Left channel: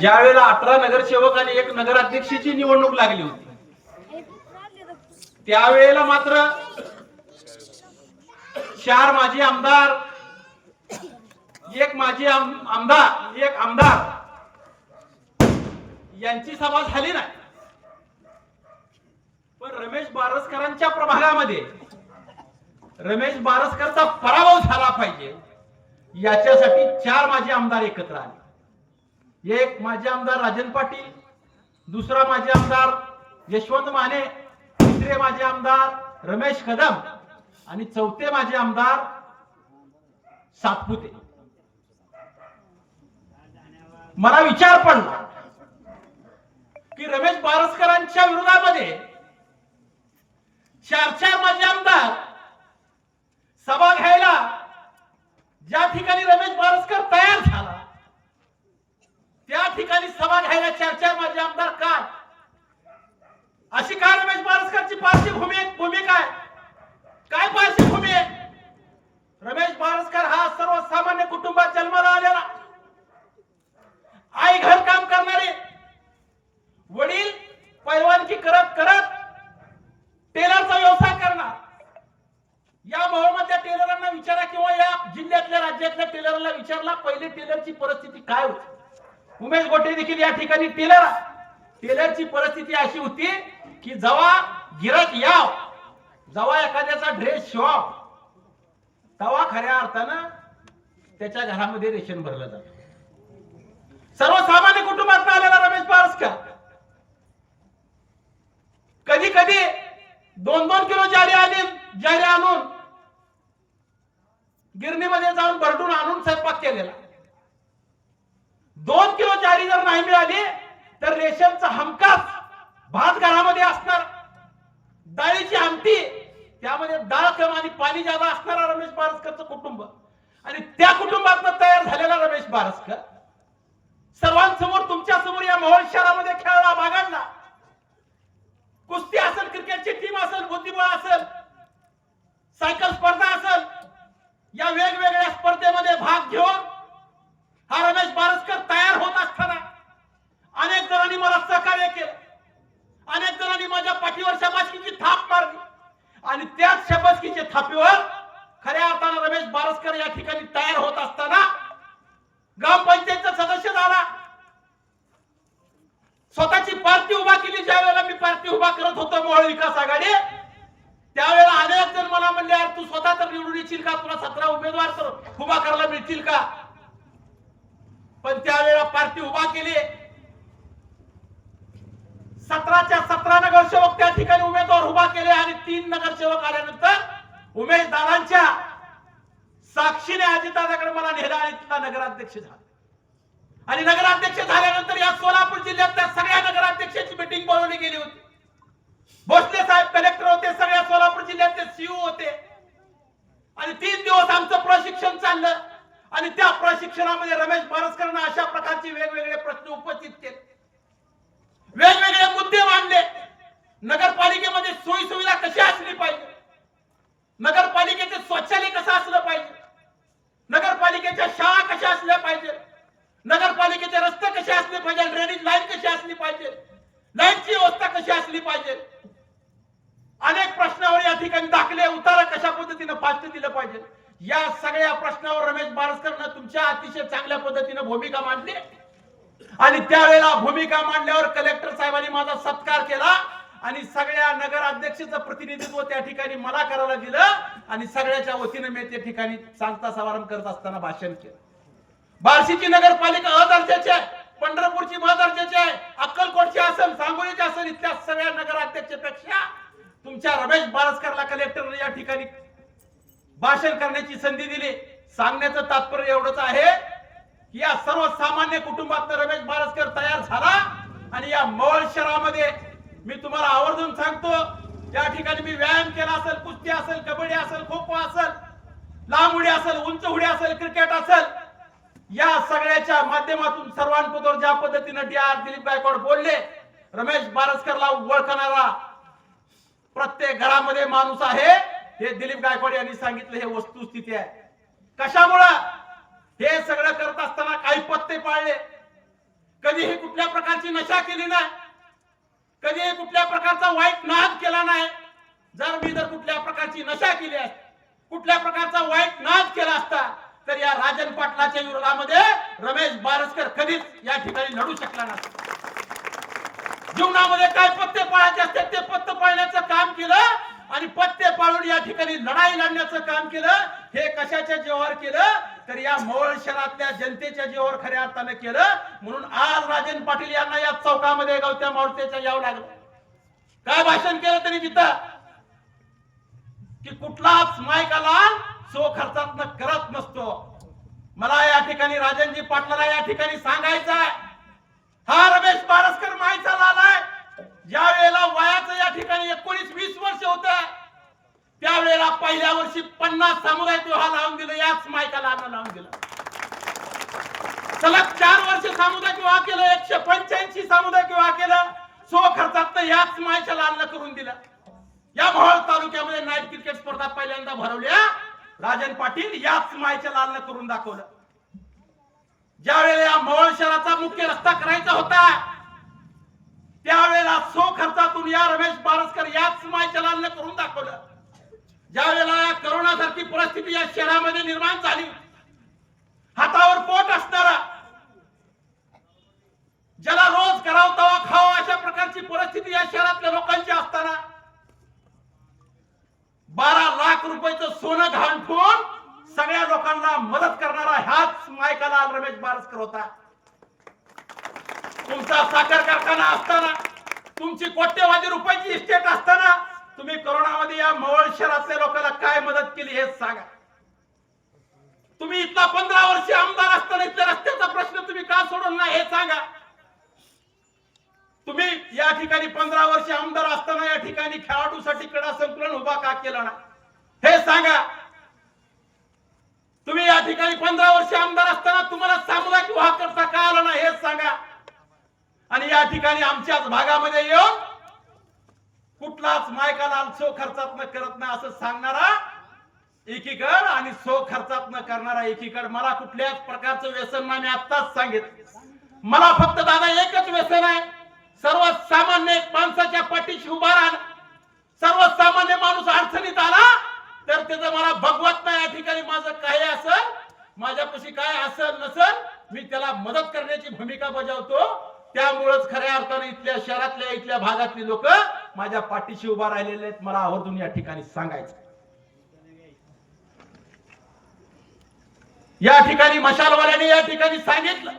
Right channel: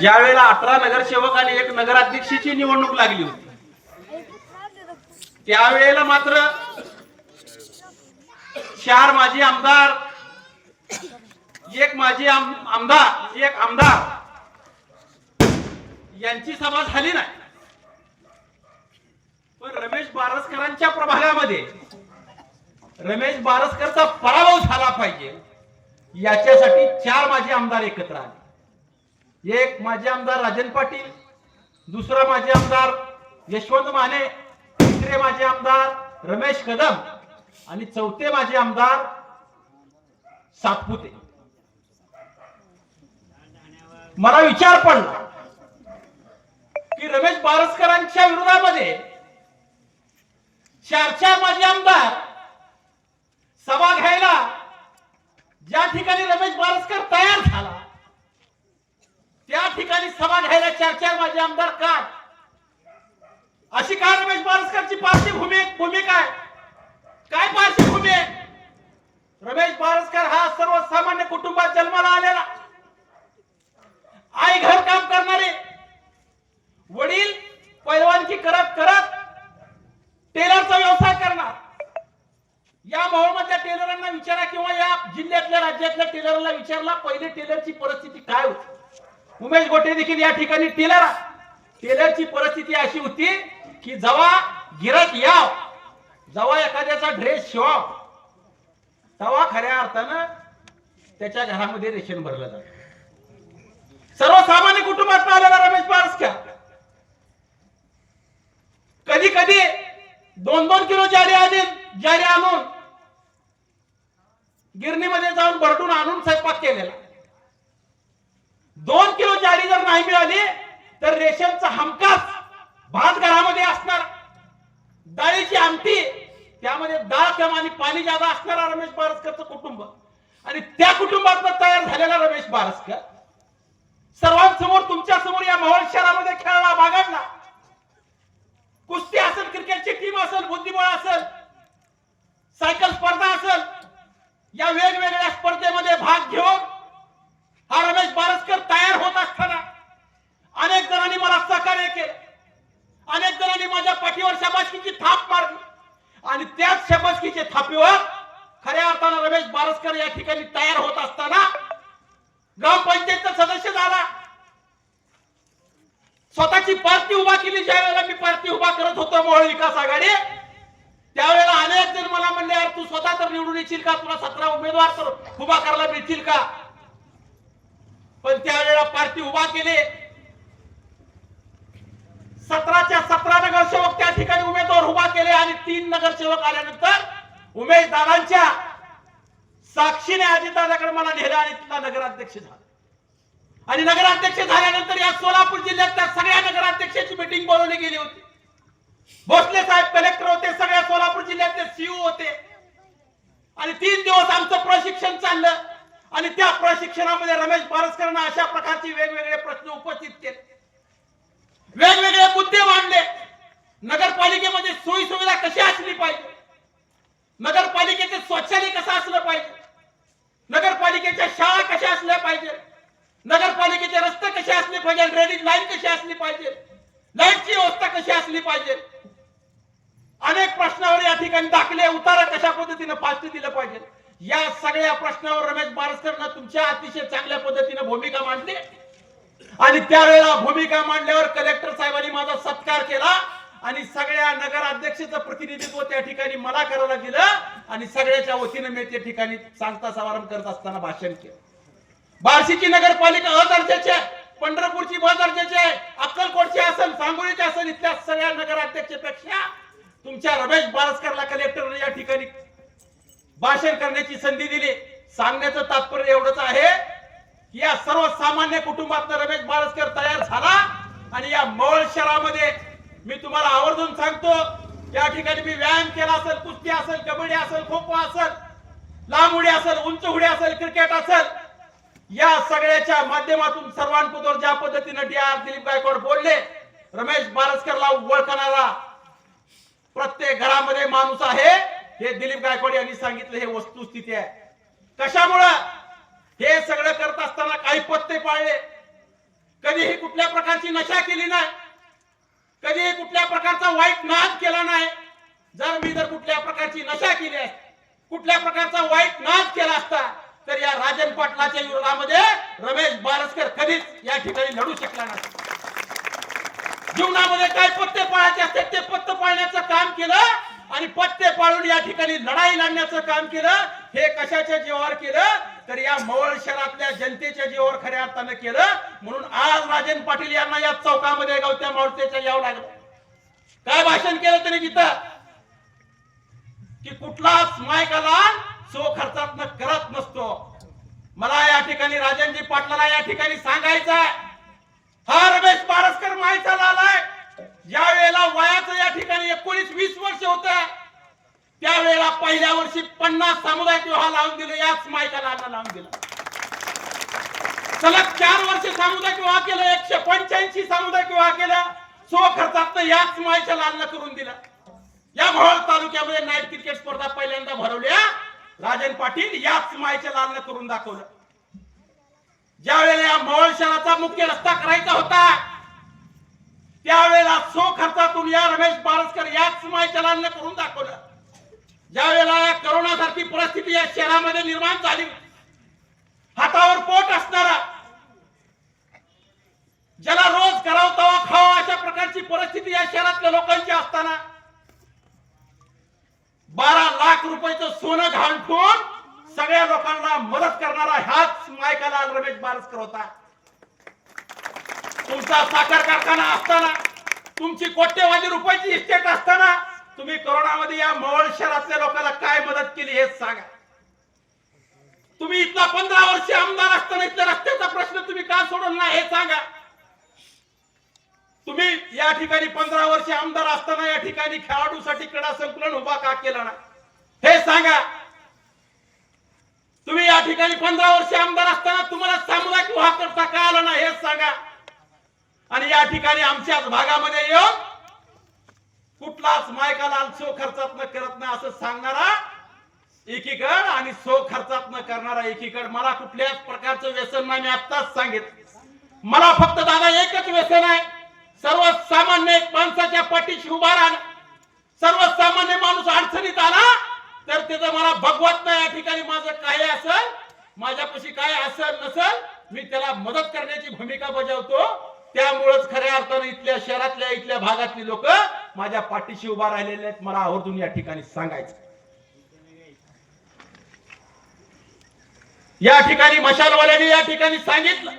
ज्या वेळेला 18 नगरसेवक आणि 1 नगराध्यक्षाची निवडणूक लागली होती त्यावेळेला मात्र 4 माजी आमदार, 1 माजी आमदार, 1 आमदार यांची सभा झाली नाही. पण रमेश बारसकरांच्या प्रभागामध्ये रमेश बारसकरचा पराभव झाला पाहिजे याच्यासाठी 4 माजी आमदार एकत्र आले. 1 माजी आमदार राजन पाटील, दुसरा माजी आमदार यशवंत माने, तिसरे माजी आमदार रमेश कदम आणि चौथे माजी आमदार सातपुते. मला विचार पडला की रमेश बारसकरांच्या विरोधामध्ये 4 माजी आमदार सभा घ्यायला ज्या ठिकाणी रमेश बारसकर तयार झाला त्या ठिकाणी सभा घ्यायला 4 माजी आमदार काय? अशी काय रमेश बारसकरची भूमिका आहे? काय पार्श्वभूमी आहे? रमेश बारसकर हा सर्वसामान्य कुटुंबात जन्माला आलेला, आई घर काम करणारे, वडील पैलवानकी करत करत टेलरचा व्यवसाय करणार. या मोहम्मदच्या टेलरांना विचारा किंवा या जिल्ह्यातल्या राज्यातल्या टेलरला विचारला पहिले टेलरची परिस्थिती काय होती. उमेश गोटे देखील या ठिकाणी टेलरची परिस्थिती अशी होती की जेव्हा गिराक याव, जेव्हा एखाद्याचा ड्रेस शिवाव तेव्हा खऱ्या अर्थानं त्याच्या घरामध्ये रेशन भरलं जातं. सर्वसामान्य कुटुंबात आलेला रमेश बारसकर कधी कधी 2-2 किलो ज्वारी आणून गिरणीमध्ये जाऊन भरडून आणून स्वयंपाक केलेला. 2 किलो ज्वारी जर नाही मिळाली तर रेशनचा हमखास भात घरामध्ये असणार, डाळीची आमटी, त्यामध्ये डाळ कम आणि पाणी जादा असणारा रमेश बारसकरचं कुटुंब आणि त्या कुटुंबातनं तयार झालेला रमेश बारसकर सर्वांसमोर तुमच्या समोर या मोहोळ शहरामध्ये खेळला, बागडला. कुस्ती असेल, क्रिकेटची टीम असेल, बुद्धिबळ असेल, सायकल स्पर्धा असेल, या वेगवेगळ्या स्पर्धेमध्ये भाग घेऊन हा रमेश बारसकर तयार होत असताना अनेक जणांनी मला सहकार्य केले, अनेक जणांनी माझ्या पाठीवर शाबासकीची थाप मारली आणि त्याच शाबासकीच्या थापीवर खऱ्या अर्थानं रमेश बारसकर या ठिकाणी तयार होत असताना ग्रामपंचायतचा सदस्य झाला, स्वतःची पार्टी उभा केली. ज्या वेळेला मी पार्टी उभा करत होतो मोहोळ विकास आघाडी, त्यावेळेला अनेक जण मला म्हणले यार तू स्वतः तर निवडून येशील का, तुला 17 उमेदवार तर उभा करायला मिळतील का? पण त्यावेळेला पार्टी उभा केली. 17च्या 17 नगरसेवक त्या ठिकाणी उमेदवार उभा केले आणि 3 नगरसेवक आल्यानंतर उमेश दादांच्या साक्षीने अजितदादाकडे मला नेलं आणि तिथला नगराध्यक्ष झाला. आणि नगराध्यक्ष झाल्यानंतर या सोलापूर जिल्ह्यातल्या सगळ्या नगराध्यक्षांची मीटिंग बोलवली गेली होती. भोसले साहेब कलेक्टर होते, सगळ्या सोलापूर जिल्ह्यातले सीओ होते आणि 3 दिवस आमचं प्रशिक्षण चाललं आणि त्या प्रशिक्षणामध्ये रमेश बारसकरांना अशा प्रकारचे वेगवेगळे प्रश्न उपस्थित केले, वेगवेगळे मुद्दे मांडले. नगरपालिकेमध्ये सोयी सुविधा कशी असली पाहिजे, नगरपालिकेचे शौचालय कसं असलं पाहिजे, नगरपालिकेच्या शाळा कशा असल्या पाहिजे, नगरपालिकेचे रस्ते कसे असले पाहिजे, ड्रेनेज लाईन कशी असली पाहिजे, लाईटची व्यवस्था कशी असली पाहिजे. अनेक प्रश्नावर या ठिकाणी दाखले उतारा कशा पद्धतीने फास्ट दिलं पाहिजे. या सगळ्या प्रश्नावर रमेश बारसकरनं तुमच्या अतिशय चांगल्या पद्धतीने भूमिका मांडली आणि त्यावेळेला भूमिका मांडल्यावर कलेक्टर साहेबांनी माझा सत्कार केला आणि सगळ्या नगराध्यक्षाचं प्रतिनिधित्व त्या ठिकाणी मला करायला दिलं आणि सगळ्याच्या वतीने मी त्या ठिकाणी सांगता समारंभ करत असताना भाषण केलं. बार्शीची नगरपालिका अ दर्जाची आहे, पंढरपूरची ब दर्जाची आहे, अक्कलकोटची असेल, सांगोलीची असेल, इथल्या सगळ्या नगराध्यक्षापेक्षा तुमच्या रमेश बारसकरला कलेक्टर या ठिकाणी भाषण करण्याची संधी दिली. सांगण्याचं तात्पर्य एवढंच आहे की या सर्वसामान्य कुटुंबातनं रमेश बारसकर तयार झाला आणि या मोहोळ शहरामध्ये मी तुम्हाला आवर्जून सांगतो, या ठिकाणी मी व्यायाम केला असेल, कुस्ती असेल, कबड्डी असेल, खो खो असेल, लांब उडी असेल, उंच उडी असेल, क्रिकेट असेल, या सगळ्याच्या माध्यमातून सर्वांपुढे ज्या पद्धतीने दिलीप गायकवाड बोलले, रमेश बारसकरला ओळखणारा प्रत्येक घरामध्ये माणूस आहे हे दिलीप गायकवाड यांनी सांगितलं. हे वस्तुस्थिती आहे. कशामुळे हे सगळं करत असताना काही पत्ते पाळले, कधीही कुठल्या प्रकारची नशा केली नाही, कधीही कुठल्या प्रकारचा वाईट नाद केला नाही. जर कुठल्या प्रकारची नशा केली असती, कुठल्या प्रकारचा वाईट नाद केला असता, तर या राजन पाटलाच्या विरोधामध्ये रमेश बारसकर कधीच या ठिकाणी लढू शकला नसता. जीवनामध्ये काय पत्ते पाळायचे असते ते पत्ते पाळण्याचं काम केलं आणि पत्ते पाळून या ठिकाणी लढाई लढण्याचं काम केलं. हे कशाच्या जीवावर केलं, तर या मवळ शहरातल्या जनतेच्या जीवावर खऱ्या अर्थानं केलं. म्हणून आज राजन पाटील यांना या चौकामध्ये गावत्या मावळतेच्या यावं लागलं. काय भाषण केलं तरी तिथं की कुठलाच मायकाला सो खर्चात करत नसतो. मला या ठिकाणी राजनजी पाटलाला या ठिकाणी सांगायचं आहे, हा रमेश बारसकर मायचा लालाय. ज्या वेळेला वयाचं या ठिकाणी 19-20 वर्ष होत, त्यावेळेला पहिल्या वर्षी 50 सामुदायिक विवाह लावून दिले, याच मायकाला लावून दिला. सलग 4 वर्ष सामुदायिक विवाह केलं, 185 सामुदायिक विवाह केलं, सो खर्चात याच मायच्या लालना करून दिला. या मोहोळ तालुक्यामध्ये नाईट क्रिकेट स्पर्धा पहिल्यांदा भरवल्या, राजन पाटील याच मायच्या लालना करून दाखवलं. ज्या वेळेला या मोहोळ शहराचा मुख्य रस्ता करायचा होता, त्यावेळेला सो खर्चातून या रमेश बारसकर याच मायच्या लालना करून दाखवलं. ज्या वेळेला या करोना सारखी परिस्थिती या शहरामध्ये निर्माण झाली, हातावर पोट असणारा, ज्याला रोज करावं तवा खावा अशा प्रकारची परिस्थिती या शहरातल्या लोकांची असताना 12 लाख रुपयाचं सोनं घाण ठेवून सगळ्या लोकांना मदत करणारा ह्याच मायकाला रमेश बारसकर होता. तुमचा साखर कारखाना असताना, तुमची कोट्यवधी रुपयाची इस्टेट असताना तुम्ही कोरोनामध्ये या मवळ शहरातल्या लोकांना काय मदत केली हे सांगा. तुम्ही इथला 15 वर्ष आमदार असताना इथल्या रस्त्याचा प्रश्न तुम्ही का सोडवला नाही हे सांगा. तुम्ही या ठिकाणी 15 वर्ष आमदार असताना या ठिकाणी खेळाडूसाठी क्रीडा संकुलन उभा का केला नाही हे सांगा. तुम्ही या ठिकाणी 15 वर्ष आमदार असताना तुम्हाला सामुदायिक विवाह करता का आला नाही हे सांगा. आणि या ठिकाणी आमच्याच भागामध्ये येऊन कुठलाच मायकाला सो खर्चात न करत नाही असं सांगणारा एकीकड आणि सो खर्चात न करणारा एकीकड. मला कुठल्याच प्रकारचं व्यसन नाही, मी आत्ताच सांगितलं. मला फक्त दादा एकच व्यसन आहे, सर्वसामान्य माणसाच्या पाठीशी उभा राहणं. सर्वसामान्य माणूस अडचणीत आला तर त्याचं मला भगवत नाही. या ठिकाणी माझं काय असेल, माझ्यापाशी काय असेल नसेल, मी त्याला मदत करण्याची भूमिका बजावतो. त्यामुळेच खऱ्या अर्थाने इथल्या शहरातल्या इथल्या भागातली लोक माझ्या पाठीशी उभा राहिलेले आहेत. मला आवर्जून या ठिकाणी सांगायचं. या ठिकाणी मशालवाल्यांनी या ठिकाणी सांगितलं